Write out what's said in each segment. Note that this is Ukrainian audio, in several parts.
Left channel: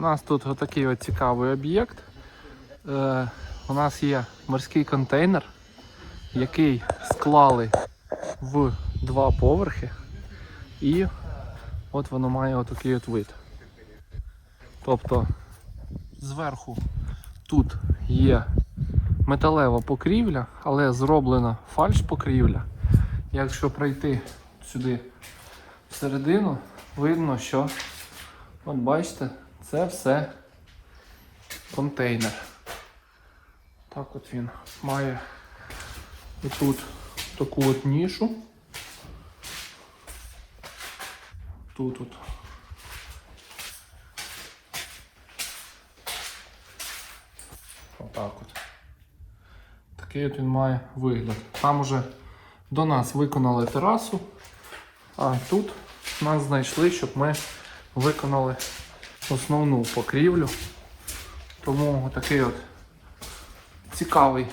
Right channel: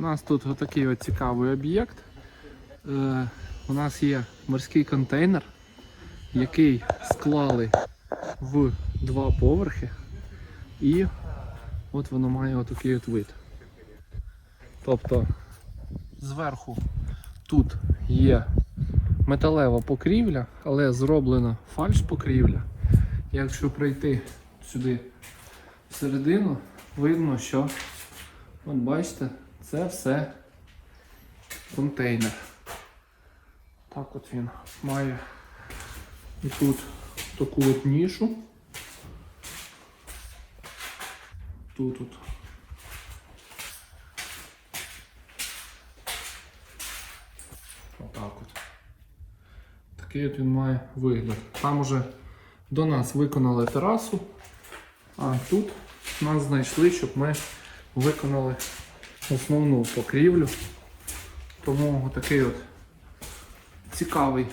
У нас тут отакий от цікавий об'єкт. Е, у нас є морський контейнер, який склали в два поверхи. І от воно має отакий от вид. Тобто зверху тут є металева покрівля, але зроблена фальш-покрівля. Якщо пройти сюди всередину, видно, що от бачите, це все контейнер. Так от він має тут таку от нішу. Тут от. Отак от. Такий от він має вигляд. Там уже до нас виконали терасу, а тут нас знайшли, щоб ми виконали основну покрівлю. Тому такий от цікавий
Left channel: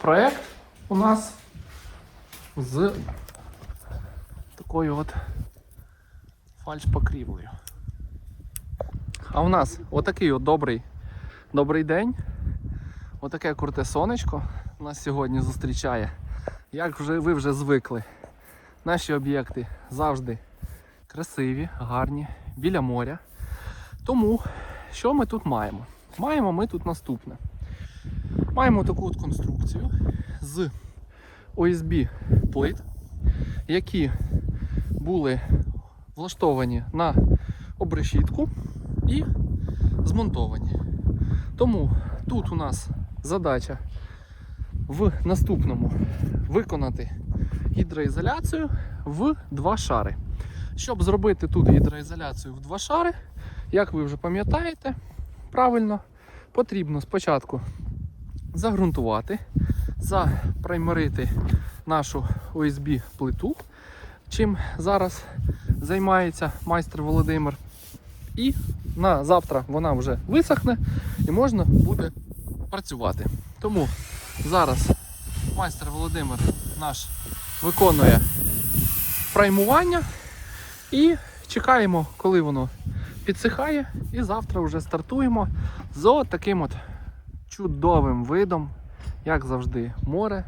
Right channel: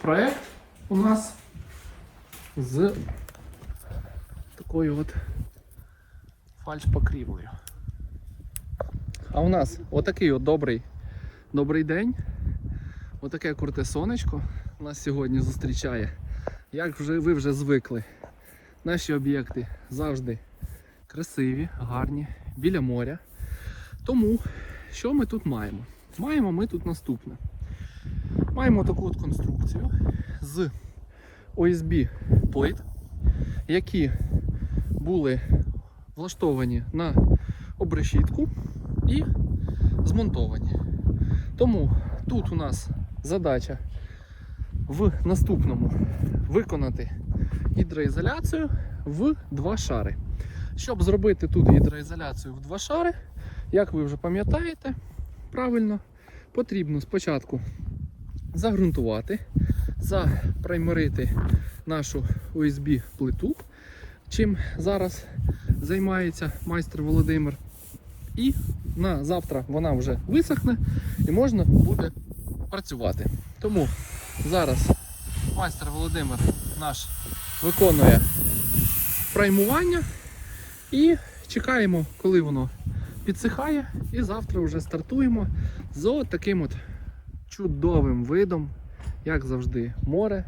проєкт у нас з такою от фальш-покрівлею. А у нас отакий от добрий, добрий день. Отаке круте сонечко нас сьогодні зустрічає. Як вже ви вже звикли, наші об'єкти завжди красиві, гарні, біля моря. Тому що ми тут маємо? Маємо ми тут наступне. Маємо таку от конструкцію з OSB плит, які були влаштовані на обрешітку і змонтовані. Тому тут у нас задача в наступному виконати гідроізоляцію в два шари. Щоб зробити тут гідроізоляцію в два шари, як ви вже пам'ятаєте, правильно, потрібно спочатку загрунтувати, запраймерити нашу OSB плиту, чим зараз займається майстер Володимир. І на завтра вона вже висохне і можна буде працювати. Тому зараз майстер Володимир наш виконує праймування і чекаємо, коли воно підсихає. І завтра вже стартуємо з таким от чудовим видом, як завжди, море,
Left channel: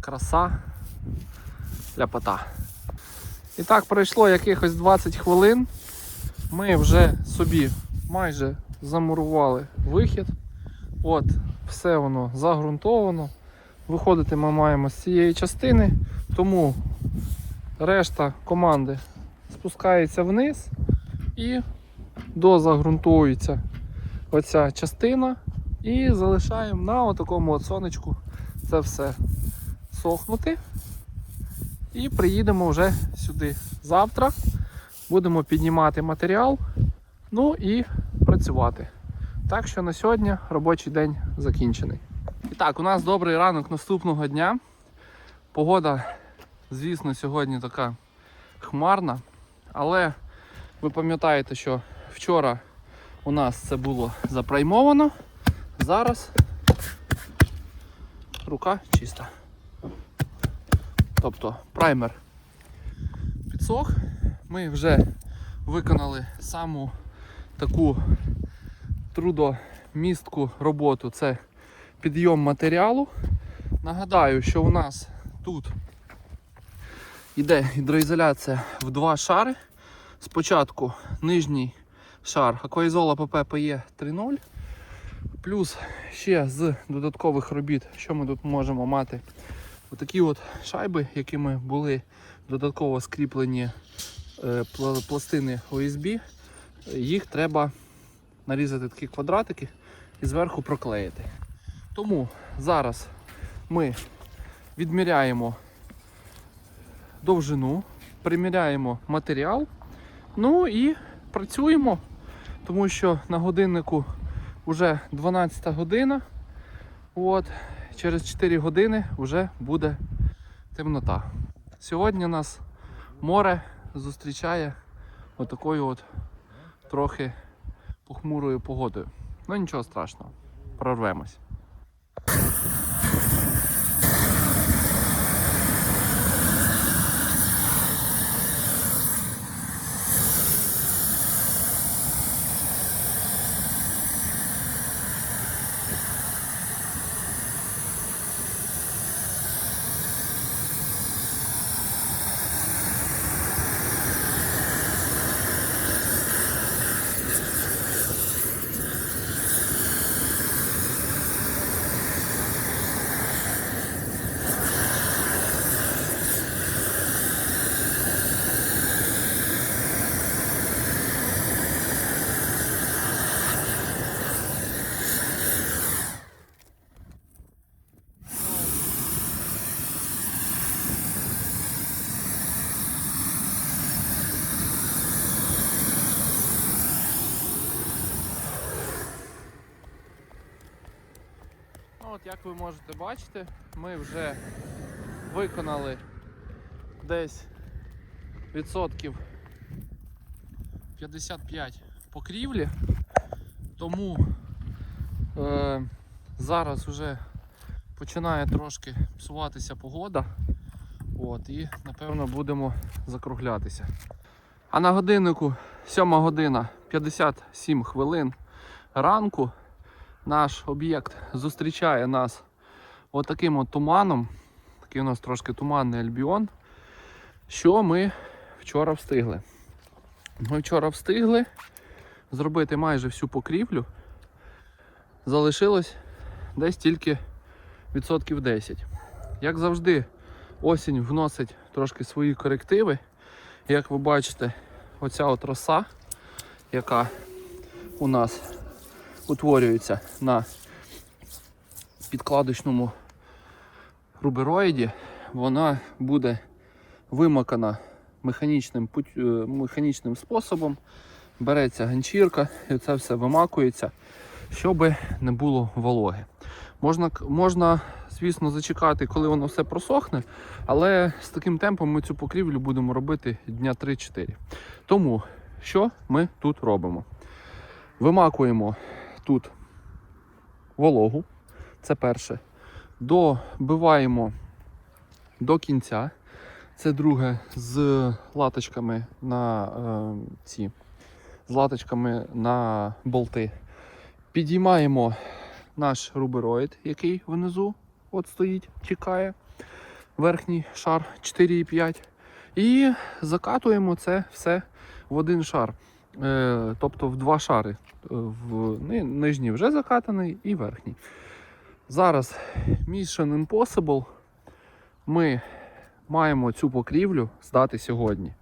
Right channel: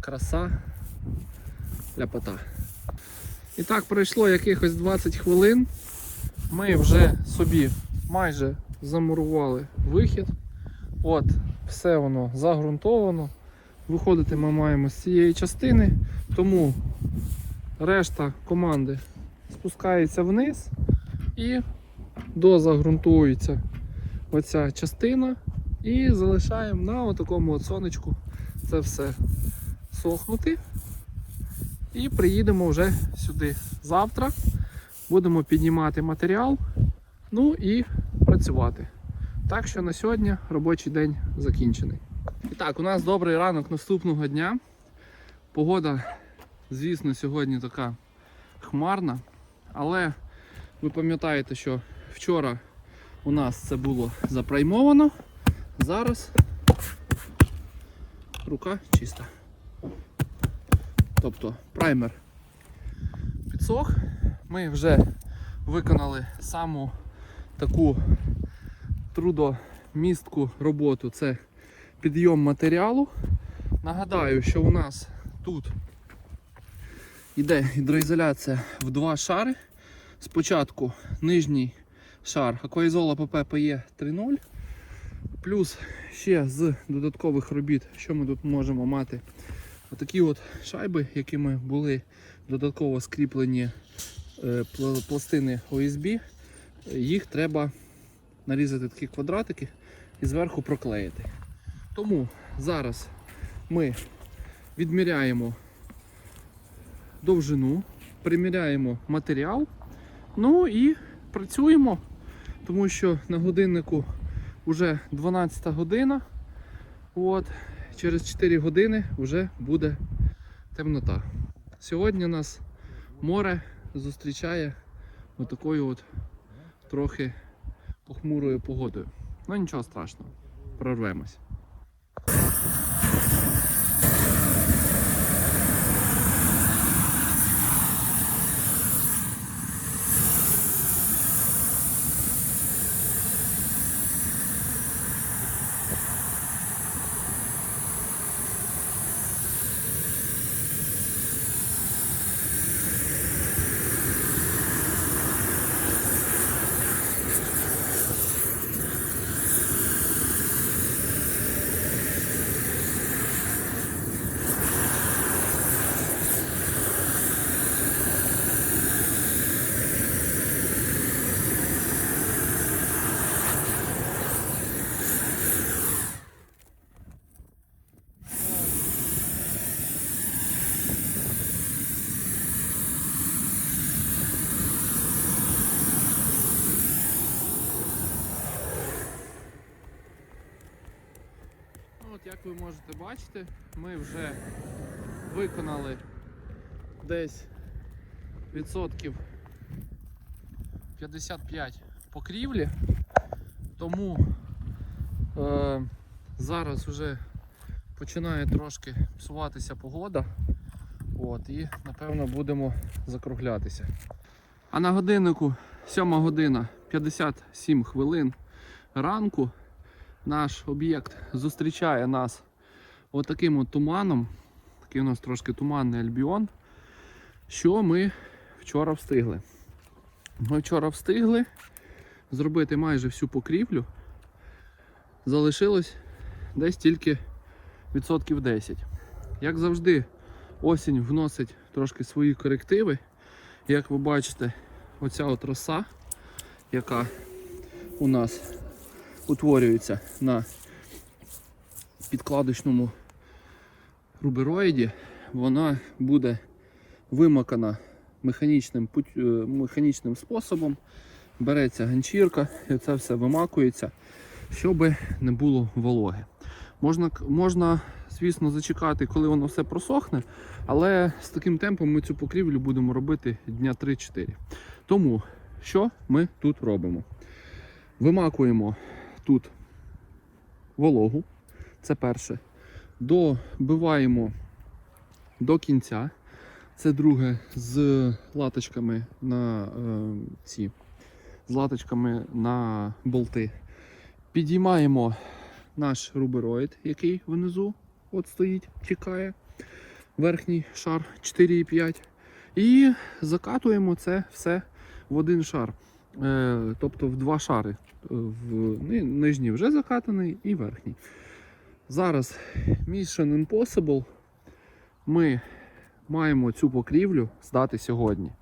краса, ляпота. І так пройшло якихось 20 хвилин. Ми вже собі майже замурували вихід. От, все воно загрунтовано. Виходити ми маємо з цієї частини, тому решта команди спускається вниз і дозагрунтується оця частина і залишаємо на такому от сонечку це все сохнути. І приїдемо вже сюди завтра. Будемо піднімати матеріал, ну і працювати. Так що на сьогодні робочий день закінчений. І так, у нас добрий ранок наступного дня. Погода, звісно, сьогодні така хмарна, але ви пам'ятаєте, що вчора у нас це було запраймовано. Зараз рука чиста. Тобто праймер підсох. Ми вже виконали саму таку трудомістку роботу. Це підйом матеріалу. Нагадаю, що у нас тут йде гідроізоляція в два шари. Спочатку нижній шар Акваізола ПППЕ 3.0. Плюс ще з додаткових робіт, що ми тут можемо мати. Отакі от шайби, якими були додатково скріплені е, пластини OSB, їх треба нарізати такі квадратики і зверху проклеїти. Тому зараз ми відміряємо довжину, приміряємо матеріал, ну і працюємо, тому що на годиннику вже 12 година. От, через 4 години вже буде темнота. Сьогодні нас море зустрічає отакою от трохи похмурою погодою. Ну нічого страшного, прорвемось. От як ви можете бачити, ми вже виконали десь відсотків 55 покрівлі, тому е, зараз вже починає трошки псуватися погода. От, і напевно будемо закруглятися. А на годиннику 7 година 57 хвилин ранку наш об'єкт зустрічає нас отаким от туманом. Такий у нас трошки туманний альбіон. Що ми вчора встигли? Ми вчора встигли зробити майже всю покрівлю. Залишилось десь тільки відсотків 10. Як завжди, осінь вносить трошки свої корективи. Як ви бачите, оця от роса, яка у нас утворюється на підкладочному рубероїді, вона буде вимакана механічним, е, механічним способом. Береться ганчірка і це все вимакується, щоб не було вологи. Можна, можна, звісно, зачекати, коли воно все просохне, але з таким темпом ми цю покрівлю будемо робити дня 3-4. Тому що ми тут робимо? Вимакуємо тут вологу, це перше. Добиваємо до кінця. Це друге з латочками на е, ці з латочками на болти. Підіймаємо наш рубероїд, який внизу от стоїть, чекає. Верхній шар 4,5. І закатуємо це все в один шар. Е, тобто в два шари. Е, В нижній вже закатаний і верхній. Зараз Mission Impossible ми маємо цю покрівлю здати сьогодні.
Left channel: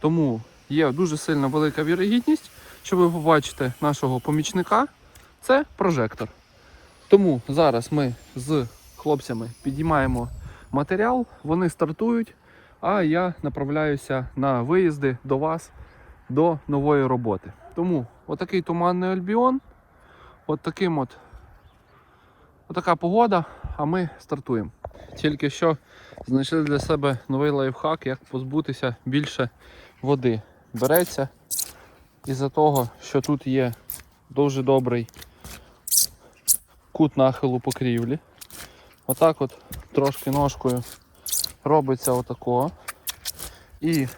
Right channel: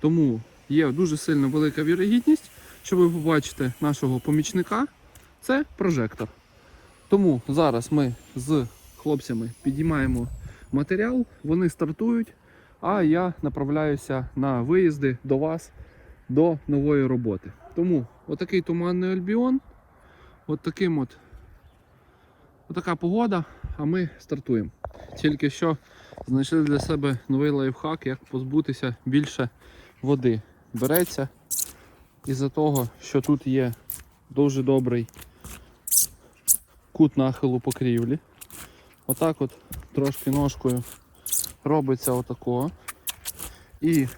Тому є дуже сильна велика вірогідність, що ви побачите нашого помічника. Це прожектор. Тому зараз ми з хлопцями підіймаємо матеріал, вони стартують, а я направляюся на виїзди до вас до нової роботи. Тому отакий туманний альбіон, от таким от, отака погода, а ми стартуємо. Тільки що знайшли для себе новий лайфхак, як позбутися більше води. Береться із-за того, що тут є дуже добрий кут нахилу покрівлі. Отак от трошки ножкою робиться отако. І,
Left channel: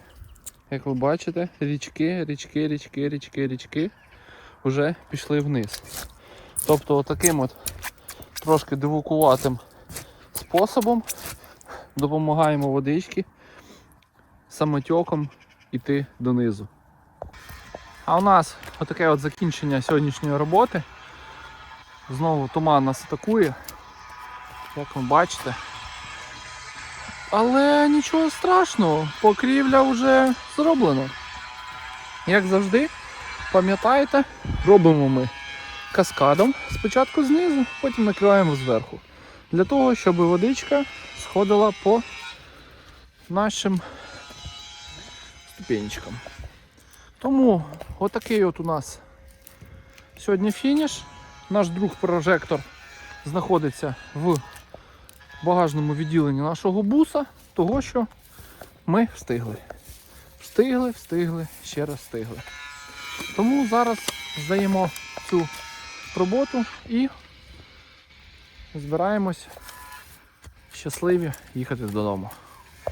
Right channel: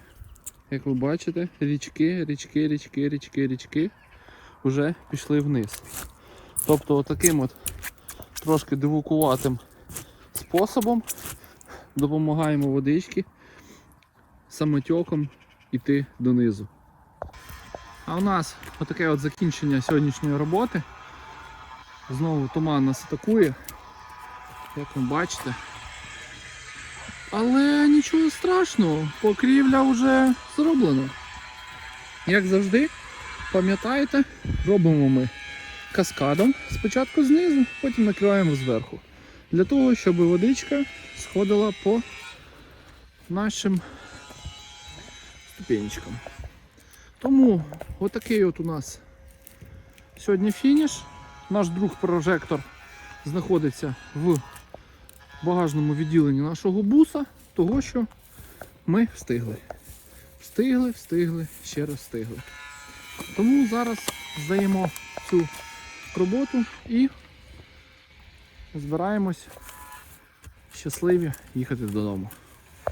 як ви бачите, річки, річки, річки, річки, річки вже пішли вниз. Тобто отаким от трошки дивукуватим способом допомагаємо водички самотьоком іти донизу. А у нас отаке от закінчення сьогоднішньої роботи. Знову туман нас атакує, як ви бачите. Але нічого страшного, покрівля вже зроблена. Як завжди, пам'ятаєте, робимо ми каскадом спочатку знизу, потім накриваємо зверху. Для того, щоб водичка сходила по нашим ступенечкам. Тому отакий от у нас сьогодні фініш. Наш друг прожектор знаходиться в багажному відділенні нашого буса, того що ми встигли. Встигли, встигли, ще раз встигли. Тому зараз здаємо цю роботу і збираємось щасливі їхати додому.